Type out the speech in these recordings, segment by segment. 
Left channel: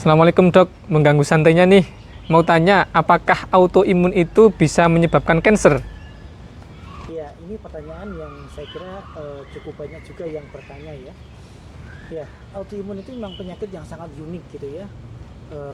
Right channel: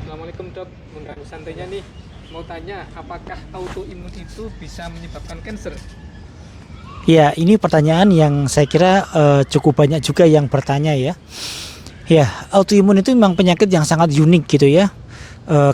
Assalamualaikum dok, mengganggu santainya nih. Mau tanya, apakah autoimun itu bisa menyebabkan kanker? Ya, ini pertanyaan yang saya kira cukup banyak juga yang bertanya ya. Ya, autoimun itu memang penyakit yang sangat unik gitu ya.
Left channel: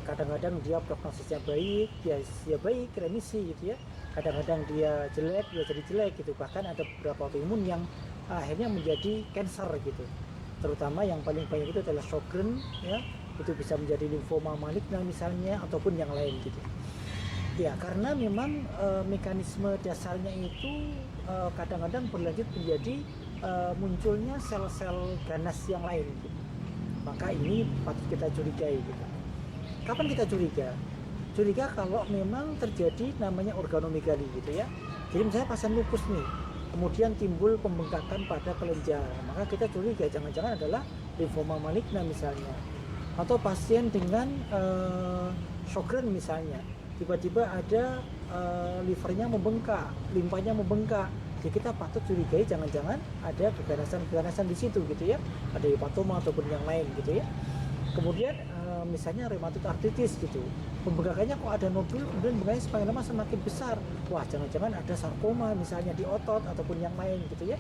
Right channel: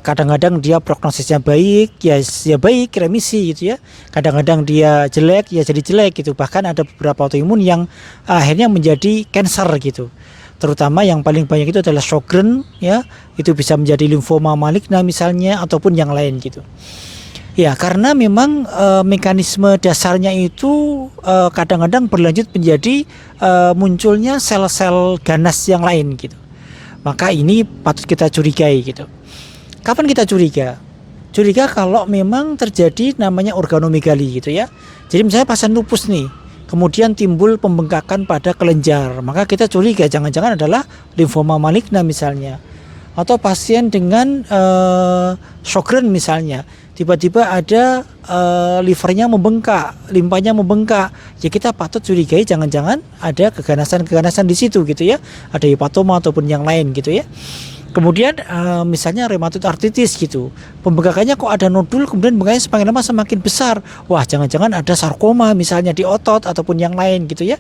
Kadang-kadang dia prognosisnya baik, ya baik, remisi gitu ya. Kadang-kadang dia jelek, ya jadi jelek gitu. Bahkan ada beberapa autoimun yang akhirnya menjadi kanker gitu. Terutama yang paling banyak itu adalah Sjogren ya, itu bisa menjadi limfoma maligna misalnya ataupun yang lain gitu. Ya, karena memang mekanisme dasarnya itu kadang-kadang berlanjut menjadi munculnya sel-sel ganas yang lain gitu. Maka ini patut kita curigai gitu. Kapan kita curiga? Curiga kalau memang terjadi namanya organomegali gitu ya. Jadi misalnya pasien lupus nih, kemudian timbul pembengkakan pada kelenjar, maka kita curiga jangan-jangan adalah limfoma maligna misalnya. Atau pasien dengan Sjogren misalnya, tiba-tiba ada livernya membengkak, limpanya membengkak, ya kita patut curigai jangan-jangan ada keganasan-keganasan di situ gitu ya, ada hepatoma ataupun yang lain gitu ya. Kemudian misalnya rheumatoid arthritis gitu, pembengkakannya kok ada nodul, kemudian bengkaknya semakin lama semakin besar, wah jangan-jangan ada sarkoma misalnya di otot ataupun yang lain gitu ya.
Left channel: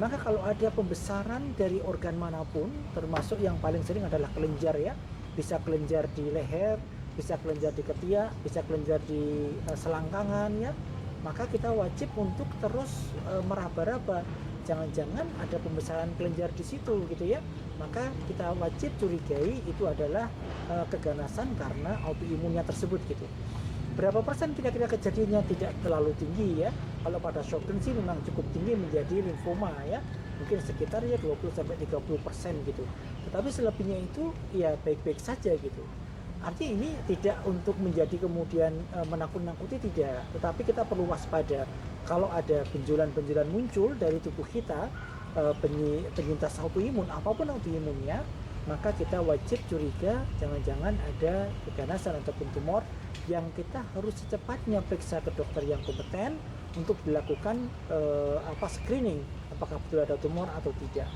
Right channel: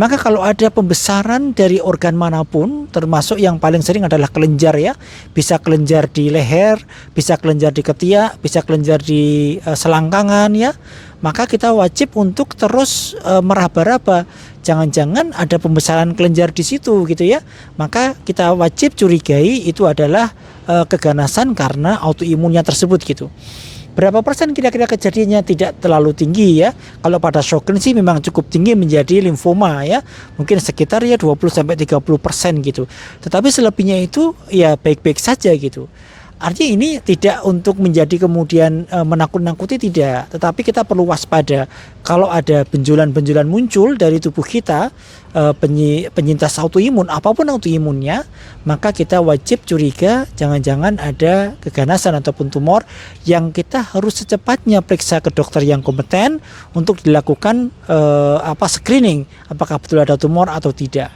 Maka kalau ada pembesaran dari organ manapun, termasuk yang paling sering adalah kelenjar ya, bisa kelenjar di leher, bisa kelenjar di ketiak, bisa kelenjar di selangkangan ya, maka kita wajib untuk terus meraba-raba. Jangan-jangan ada pembesaran kelenjar di situ gitu ya. Maka kita wajib curigai itu adalah keganasan karena autoimunnya tersebut gitu. Berapa persen kira-kira kejadiannya tidak terlalu tinggi ya. Kalau pada Sjogren sih memang cukup tinggi menjadi limfoma ya. Mungkin sekitar ya 20-30% gitu. Tetapi selebihnya itu ya baik-baik saja gitu. Artinya ini tidak untuk menjadi kemudian menakut-nakuti tidak, tetapi kita perlu waspada kalau ada benjolan-benjolan muncul dari tubuh kita, penyintas autoimun apapun autoimunnya, maka kita wajib curiga jangan-jangan ada keganasan ataupun tumor yang kita harus secepatnya periksa ke dokter yang kompeten untuk dilakukan screening apakah betul ada tumor atau tidak.